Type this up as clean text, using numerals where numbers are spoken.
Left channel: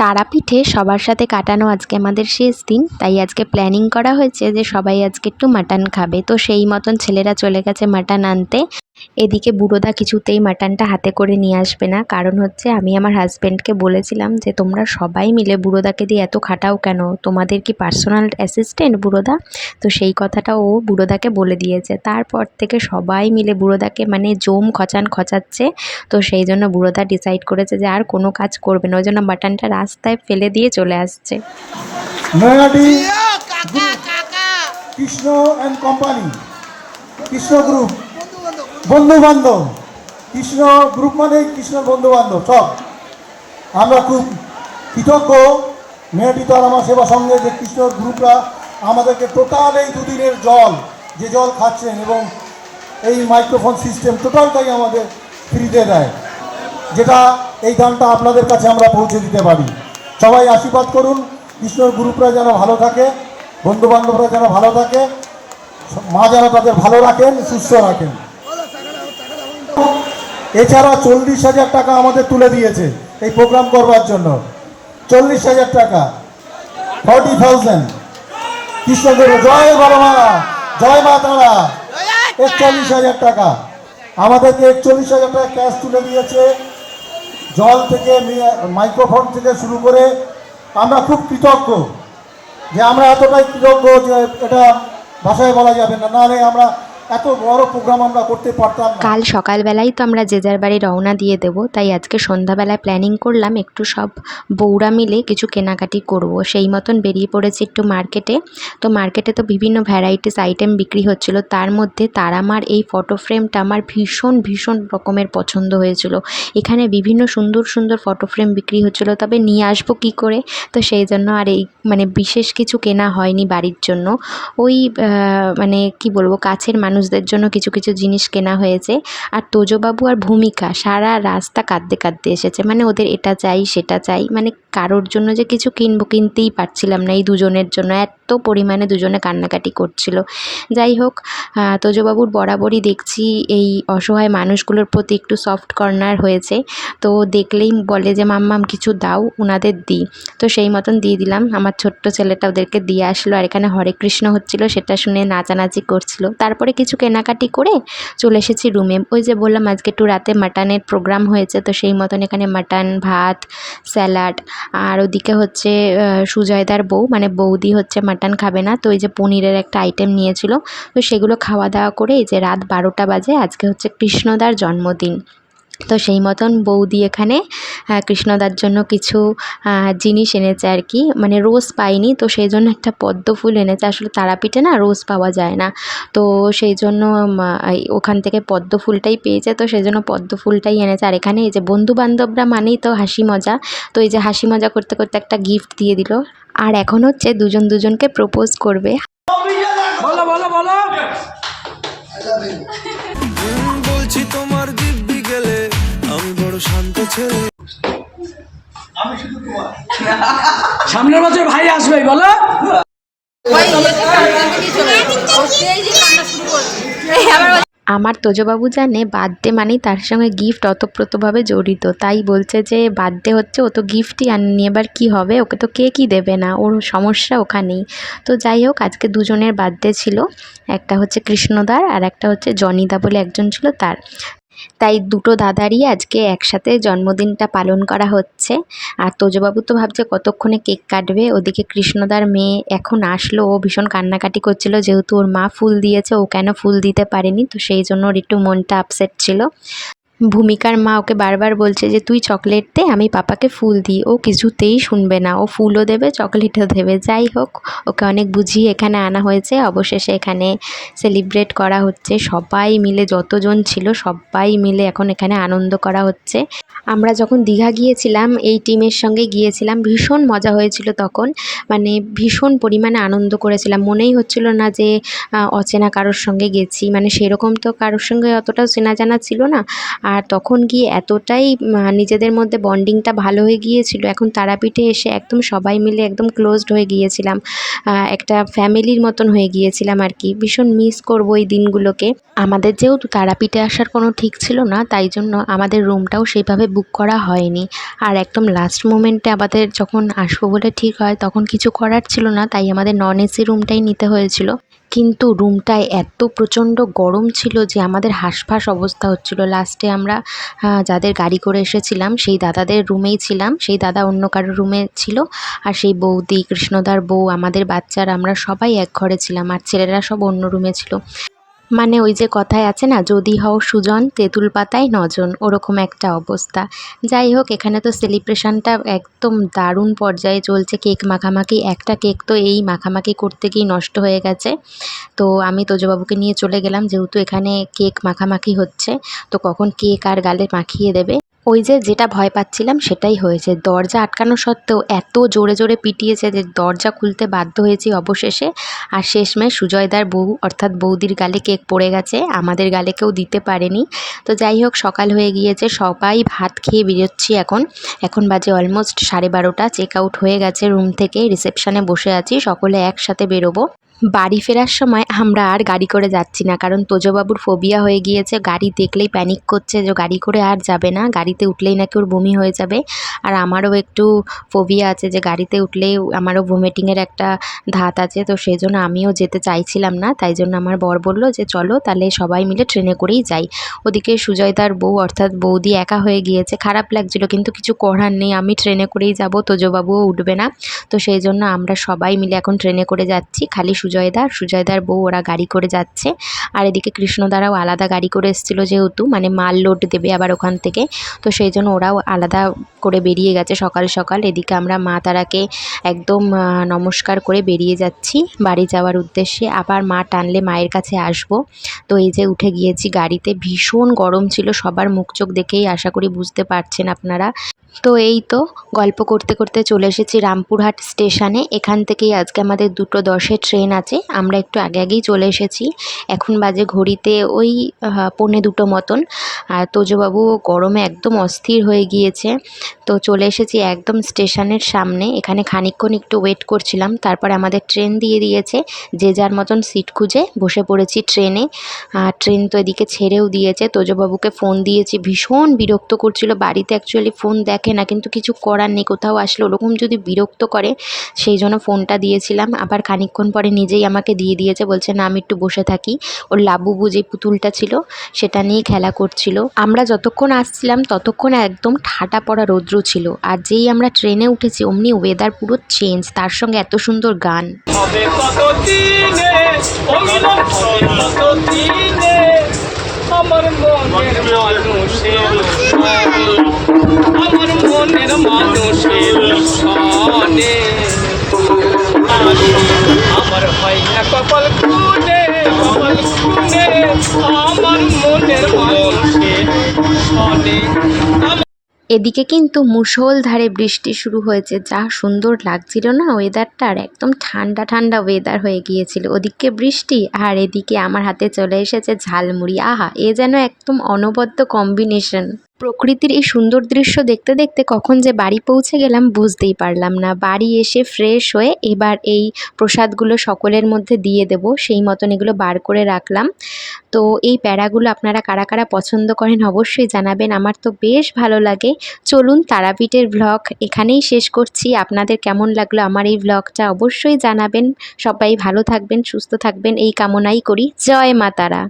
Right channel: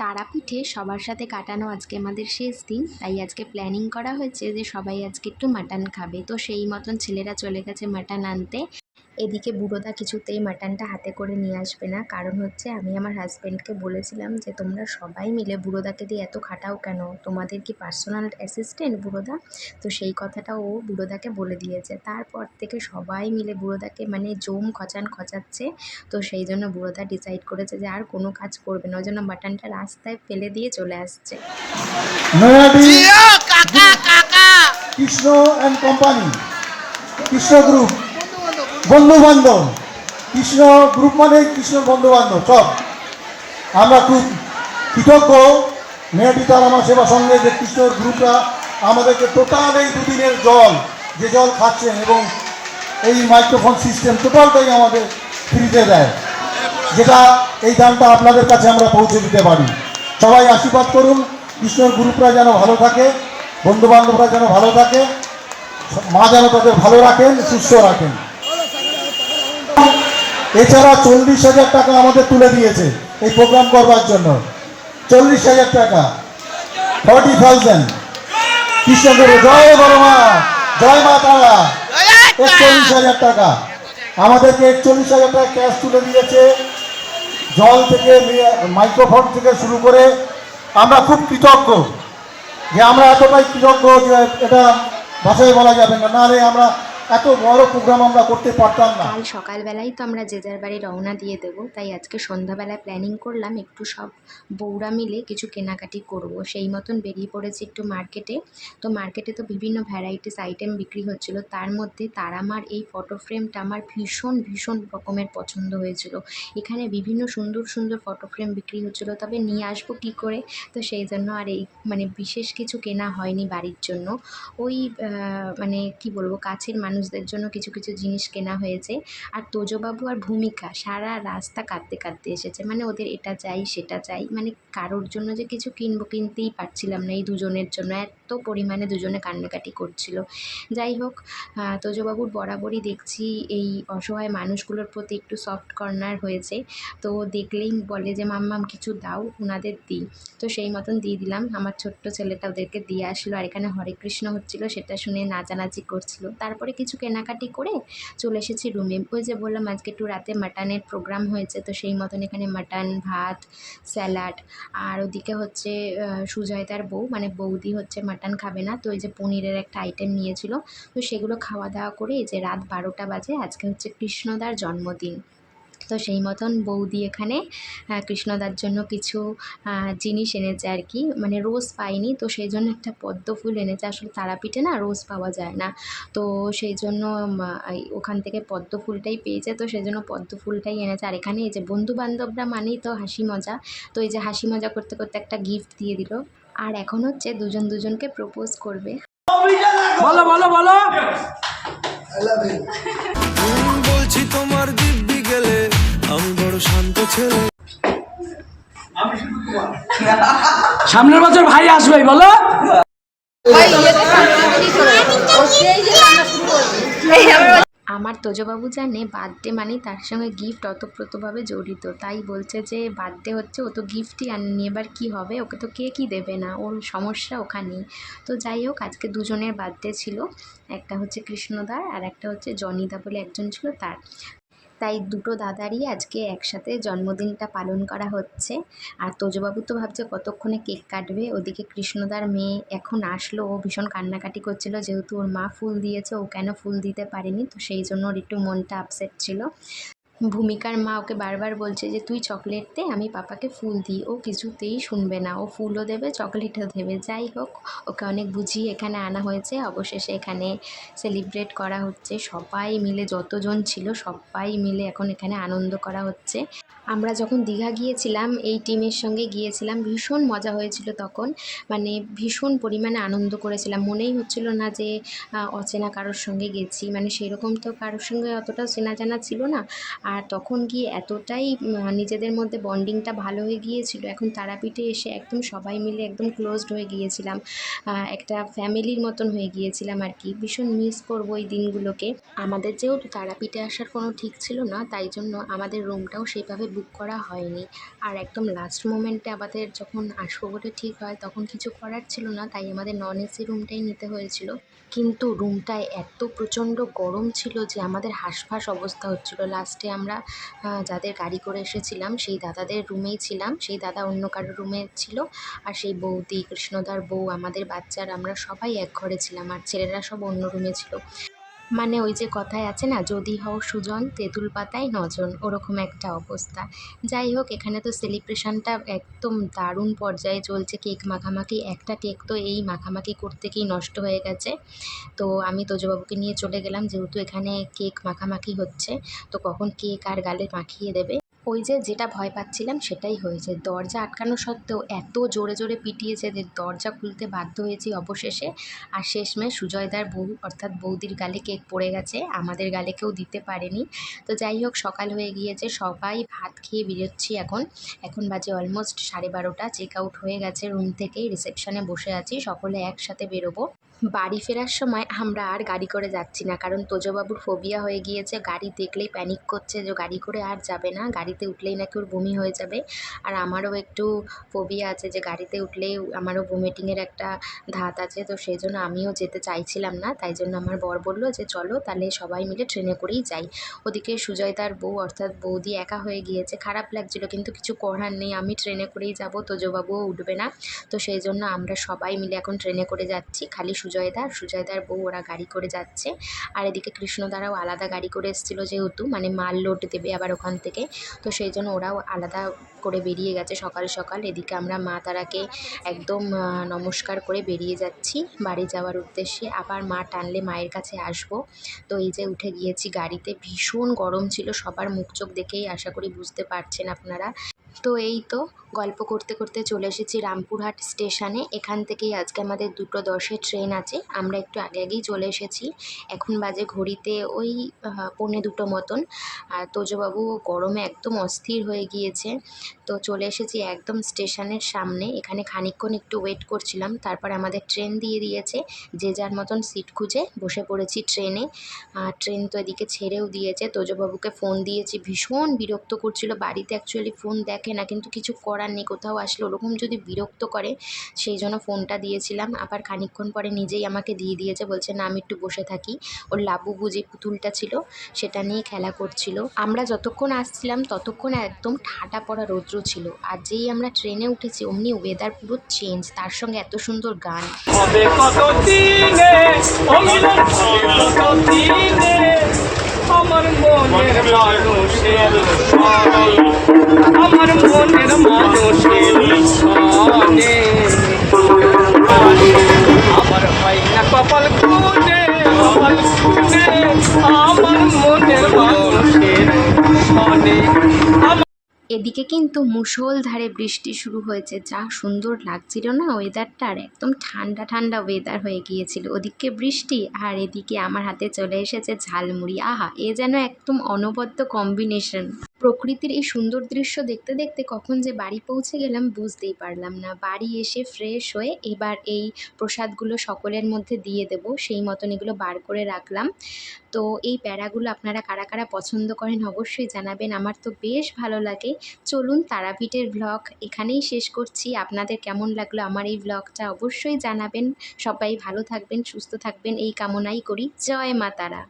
তারাপীঠে সবার সাথে কাটানো আজকে আমাদের শেষ দিন, তাই আজকে প্ল্যানিং করা হয়েছে যে সবাই আজকে একটু মাটন খাবে। তো সেই মতন ছেলেরা চলে গেছে মাটন আনতে। এদিকে বুড়োদা কিছুতেই মাটনটা হাতে করে নিয়ে আসবে না, কারণ হচ্ছে আমি আমার হাজব্যান্ডকে বলেছিলাম যে তোমরা সবাই মিলে বুড়োদাকে দিয়ে এত খাটাও কেন, তোমাদের কি পার্সোনাল অ্যাসিস্ট্যান্ট বুড়োদা? তো সেই কথাটা ও বুড়োদাকে বলে দিয়েছে। তারপর থেকে সবাই মিলে বুড়োদাকে মানে জম খচাচ্ছে। তো সেই জন্য বুড়োদা ডিসাইড করেছে যে আর কোনো কাজ করবে না, ওই জন্য মাটনটা রাস্তায় ফেলে দিয়ে চলে আসছে। Krishna and company, Krishna group, বন্ধু বান্ধব, কৃষ্ণ গ্রুপ মানে কৃষ্ণ বন্ধু বান্ধব সব। আমরা খুব কৃতজ্ঞ মেয়েটি তার আমার সেবা সঙ্গে যে কৃষ্ণ গ্রুপরা আমাদেরকে টোটাল এই দুদিনের জল, যে জল খাচ্ছেন এবং এই মাইক্রোফোন সিস্টেম টোটালটাই আমাদের ফ্রিতে দেয়, যেটা এই দানটা আপনাদের কাছে আমরা পৌঁছে দিতে পারি। সবাই আশীর্বাদ করুন, কৃষ্ণর গ্রুপরা যেন ভালো থাকে, বন্ধুবান্ধবরা যেন ভালো থাকে, মা যেন তাদের ভালো রাখেন, সুস্থ রাখেন। এছাড়া 40,000 টাকা আমাদের তুলে দিয়েছে এই প্রোগ্রাম করবার জন্য। 40,000 টাকা, 40,000 কৃষ্ণগুরু, জয় বড় মা, জয় মা তারা। 41,000 টাকা আমাদেরকে, 41,000 টাকা ক্যাশ তুলে দিয়েছে। জল থেকে, মাইক্রোফোন থেকে শুরু করে আমরা খুব কৃতজ্ঞ, যে আমরা এতটাই কৃতজ্ঞ যে এটা ভাষায় বলা যাবে না, নাহলে আমরা এত বড় প্রোগ্রাম আমরা করতে পারতাম না। কাল সকালবেলাই তো আমরা যে যার বাড়ি রওনা দিয়ে দেব, তাই আজকে সন্ধ্যাবেলায় প্ল্যানিং করলাম একটু সব বউরা মিলে কিছু কেনাকাটি করব। সেই মতন বেরিয়ে পড়েছি একটু মার্কেটে। তো মার্কেটে তো বিভিন্ন ভ্যারাইটিস আইটেম বিক্রি হচ্ছিল, তার মধ্যে তারামার এই ফটো ফ্রেমটা আমার ভীষণ ভীষণ রকমের পছন্দ হয়েছিল। এখানে বিভিন্ন সুন্দর সুন্দর ফটো ফ্রেম বিক্রি হচ্ছিল, তবে নিয়ে আসবো কী করে, তো সেই জন্য আর এই মানে বিশেষ কিছু কেনা হয়নি বাড়ির জন্য। ওই মানে কি বলবো, কাছের মানুষদের জন্য কিছু কিছু জিনিস কেনা হয়েছে। আর তোজবাবু আর ভূমিকা সারা রাস্তা কাঁদতে কাঁদতে এসেছে, মানে ওদের এটা চাই সেটা চাই, মানে কারোর জন্য যে কিছু কিনতেই পারছিলাম না, এই দুজনের জন্য এত পরিমাণে দুজনে কান্নাকাটি করছিল। যাই হোক, তোজবাবুর বরাবরই দেখছি এই অসহায় মানুষগুলোর প্রতি একটু সফট কর্নার হয়েছে। তো দেখলেই বলে যে মাম্মাম কিছু দাও, ওনাদের দিই। তো সেই মতন দিয়ে দিলাম। আমার ছোট্ট ছেলেটা ওদেরকে দিয়ে আসলো, আর এখানে হরে কৃষ্ণ হচ্ছিল সেটা শুনে নাচানাচি করছিল। তারপরে কিছু কেনাকাটি করে চলে এসেছি রুমে। ওই যে বললাম আজকে একটু রাতে মাটনের প্রোগ্রাম হয়েছে, তো সেই মতন এখানে মাটন, ভাত, স্যালাড, আর ওদিকে হচ্ছে সুজয়দার বউ মানে বৌদি হচ্ছে মাটন খাবে না, তো ওই যে পনিরের একটা আইটেম নিয়েছিল। তো সেগুলো খাওয়া দাওয়া করে এই যে রাত 12টা বাজে। আজকে হচ্ছে কৃষ্ণদার জন্মদিন, তো সেই মতন বৌদি এখানে কৃষ্ণদার জন্য কিছু জিনিস এনেছে আর কি, মানে রোজ পাইনি, তো সেই জন্য একটা পদ্ম ফুল এনেছে। আসলে তারাপীঠে না রোজ পাওয়া যায় না, তো সেই জন্য ওখান থেকে পদ্ম ফুলটাই পেয়েছে, তো সেই জন্য পদ্ম ফুলটাই এনেছে। আর এখানে এই যে বন্ধু বান্ধবরা মানেই তো হাসি মজা, তো এই যে হাসি মজা করতে করতে একটা গিফট দিয়ে দিল। আর এখন হচ্ছে দুজন দুজনকে প্রপোজ করবে। বলো বলো বলো, বলছি তোমার দিব্যি গেলে আমি বড় শান্ত ছেলে। সামনের বছর ভাই আসবে, বলো। আমার তোজবাবু জানে বার্থডে মানেই তার সঙ্গে গিফট ওতপ্রোতভাবে জড়িত, তাই বলছে যে বার্থডে হচ্ছে, ও তো গিফটই আনেনি, এবার কী হবে, ওকে তো কেকই দেবে না, ওর সমস্যা ওখানেই। তো যাই হোক, আজকে দুজনের বার্থডে ছিল, একটা হচ্ছে কৃষ্ণদার আর একটা হচ্ছে জনিদা বলে একজন ছিল তার। তাই দুটো দাদারই আজকে একসাথে জন্মদিনটা পালন করা হচ্ছে। আর তোজবাবু তো ভাবছে কতক্ষণে কেক কাটবে, ওদিকে কৃষ্ণদার মেয়ে এখন আসলো, ও ভীষণ কান্নাকাটি করছিল, যেহেতু ওর মা ফুল দিয়েছে ও কেন ফুল দিতে পারেনি, তো সেই জন্য ওর একটু মনটা আপসেট ছিল। ভূমিকার মা ওকে বারবার বলছে যে তুই চকলেট দে, আমি পাপাকে ফুল দিই, ও কিছুতেই শুনবে না, ও ফুলও দেবে চকলেটও দেবে। যাই হোক, ওকে অনেক বুঝিয়ে এখানে আনা হয়েছে। অবশেষে এখানে সেলিব্রেট করা হচ্ছে, সবাই মিলে যতজন ছিল সবাই মিলে এখন এখানে আনন্দ করা হচ্ছে। আমরা যখন দীঘা গিয়েছিলাম এই টিমের সঙ্গে গিয়েছিলাম, ভীষণ মজা হয়েছিল তখন, মানে ভীষণ পরিমাণে আনন্দ করেছিলাম, মনেই হচ্ছিল না যে অচেনা কারোর সঙ্গে গেছি, মানে সেরকম তো কারোর সঙ্গে অতটাও চেনা জানা ছিল না। আর তখন গিয়ে এতটাই নিজেদের মধ্যে বন্ডিংটা ভালো হয়ে গিয়েছিল, এখন তারাপীঠে এসে একদম সবাই মিলে একদম ক্লোজড হয়ে গিয়েছিলাম, একটা ফ্যামিলির মতন হয়ে গিয়েছিলাম আর কি। ভীষণ মিস করব এই দিনগুলোকে। আমাদের যেহেতু তারাপীঠে আসার কোনো ঠিক ছিল না, তাই জন্য আমাদের রুমটাও সেইভাবে বুক করা হয়নি। আর একদম লাস্ট মোমেন্টে আমাদের যখন আসবো বলে ঠিক হয়, তখন কিছু করার ছিল না, তাই আমাদের নন এসি রুমটাই নিতে হয়েছিল। কিন্তু রুমটায় এত প্রচণ্ড গরম ছিল যে আমাদের হাঁসফাঁস অবস্থা হচ্ছিল। লাস্টে আমরা যাদের গাড়ি করে এসেছিলাম সেই দাদাদের রুমেই ছিলাম, সেই দাদা অন্য কারোর রুমে ছিল, আর সেই বৌদি, কৃষ্ণদার বউ, আমাদের বাচ্চারা, আমরা সবাই এক ঘরে ছিলাম, আর ছেলেরা সব অন্য রুমে ছিল। মানে ওই যে কথায় আছে না, যদি হও সুজন তেঁতুল পাতায় নজন, ওরকম একটা অবস্থা। যাই হোক, এখানে তো সেলিব্রেশনটা একদম দারুণ পর্যায়ে চলছে। কেক মাখামাখি, একটা কেক তো এই মাখামাখি করতে গিয়ে নষ্ট হয়ে গেছে। তো আমি তোজবাবুকে নিয়ে চলে গেলাম, যেহেতু এখানে কেক মাখামাখি হচ্ছে, তো কখন কেক আর গালে মাখিয়ে দেবে। ওই যে যেটা ভয় পাচ্ছিলাম সেটাই হয়েছে। দরজা আটকানো সত্ত্বেও এত জোরে জোরে পিটিয়েছে যে দরজা খুলতে বাধ্য হয়েছি অবশেষে। আর শেষমেশ সুজয়দার বউ অর্থাৎ বৌদির গালে কেক পড়ে গেছে, আমাদের গালে কেউ দিতে পারেনি। তো যাই হোক, সকাল হয়ে গিয়েছে, সবাই ভাত খেয়ে বেরোচ্ছি এখন। এখন বাজে অলমোস্ট 12:30। চেক আউট হয়ে গেছে রুম থেকে, রিসেপশনে বসে আছি, সকলে একসাথে বেরোবো। বাড়ি ফেরার সময় আমরা আর গাড়ি করে যাচ্ছি না, কারণ তোজবাবুর ফোবিয়া হয়ে গিয়েছে। গাড়ি দেখলেই প্যানিক করছে যে গাড়ি করে আর যাবে না, গাড়িতে উঠলেই নাকি ওর বমি হয়ে যাবে। আর আমারও একটু ফোবিয়া আছে যে গাড়িতে উঠলেই আমারও ভমিটিংয়ের একটা ধাত আছে, তো সেই জন্য আমিও যেতে চাইছিলাম না। তাই জন্য আমার বর বলল যে চলো তাহলে সবাই মিলে ট্রেনে করেই যাই। ওদিকে সুজয়দার বউ অর্থাৎ বৌদি একা হয়ে গিয়েছে, খারাপ লাগছিল, কিন্তু কিছু করার নেই, আমি ট্রেনে করেই যাব, তোজবাবুও উঠবে না। তো সেই জন্য আমরা সবাই মিলে এখন ট্রেনে করে যাচ্ছি, খালি সুজয়দার বউ ওরা গাড়ি করে যাচ্ছে। আর এদিকে কৃষ্ণদারাও আলাদা গাড়ি করে এসেছিলো, যেহেতু মানে মাল লোড দেবে আবার ওখান থেকে, তো সেই জন্য ওরাও আলাদা করে বেরিয়ে গেছে সকাল সকাল। এদিকে আমরা মা তারাকে একদম নমস্কার করে বেরিয়ে যাচ্ছি বাড়ি যাওয়ার উদ্দেশ্যে। আবার মা টানলে মায়ের কাছে আসব। তো এই যে উঠে গিয়েছি গাড়িতে, ভীষণ গরম ছিল, সবার মুখ চোখ দেখেই আশা করি বুঝতে পারছেন আপনারা। তো এই তো গল্প করতে করতে চলে এসেছি রামপুরহাট স্টেশনে। এখান থেকেই আজকে আমাদের 2:10 ট্রেন আছে, আমরা একটু আগে আগেই চলে এসেছি। এখন বাজে ঘড়িতে ওই 1:45 মতন। আর তোজবাবু গরমে একদম অস্থির হয়ে গিয়েছে। তো চলে এসেছি একদম স্টেশনের সামনে, এখানে খানিকক্ষণ একটু ওয়েট করছিলাম, তারপর আমাদের ট্রেন দিয়ে দিয়েছে। যে যার মতন সিট খুঁজে বসে পড়েছি ট্রেনে। ট্রেন তো এদিকে ছেড়েও দিয়েছে। তোজবাবুকে ফোন দিয়েছি, ভীষণ বিরক্ত করছিল, বাড়িতে অ্যাকচুয়ালি ফোন দেখে না, কিন্তু কিছু করার নেই, কোথাও আসলে ওরকম যদি বিরক্ত করে, সেই জন্য ফোনটা দিয়েছিলাম। আবার খানিকক্ষণ পরে নিজেই আমাকে দিয়ে দিয়েছে, বলছে না আমি একটু বসে থাকি। ওর লাবুবু যে পুতুলটা ছিল সেটা নিয়ে খেলা করছিল। আমরা যতক্ষণ আসছিলাম ততক্ষণ একদম ঠাটা পড়া রৌদ্র ছিল, আর যেই আমরা ট্রেনে উঠেছি অমনি ওয়েদার পুরো চেঞ্জ, তার সঙ্গে এত সুন্দর গান। হবে কত দিনে অমিলন হবে কত দিনে আমার মনের মানুষের সনে আমার মনের মানুষের সনে আমার হয় না কপাল খুনে আমার মনের মানুষের সনে। এদিকে কিন্তু মুষলধারে বৃষ্টি শুরু হয়েছে, যা সুন্দর লাগছিল না ওয়েদারটা, আর একদম ঠান্ডা ঠান্ডা ওয়েদার হয়ে গিয়েছিল। ওদিকে বৃষ্টি আর এদিকে আমার হাতে চলে এসেছে ঝালমুড়ি। আহা, এ যেন একদম অনবদ্য কম্বিনেশন। প্রকৃতির এই সুন্দর দৃশ্য দেখতে দেখতে কখন যে বাড়ি পৌঁছে গেলাম বুঝতেই পারলাম না। বাড়ি এসে ফ্রেশ হয়ে এবার এই প্রসাদগুলো সকলের মধ্যে দিয়ে দেব, সেই মতন এগুলো বার করে রাখলাম। তো এই প্যাড়াগুলো আপনারা কারা কারা পছন্দ করেন অবশ্যই জানাবেন, আমার তো বেশ ভালো লাগে। চলুন তারাপীঠের ভ্লগ এখানেই শেষ করছি। আপনাদের কেমন লাগলো আমার এই ভ্লগটা অবশ্যই জানাবেন। সবাই ভালো থাকবেন, সুস্থ থাকবেন এই কামনাই করি। জয় মা তারা।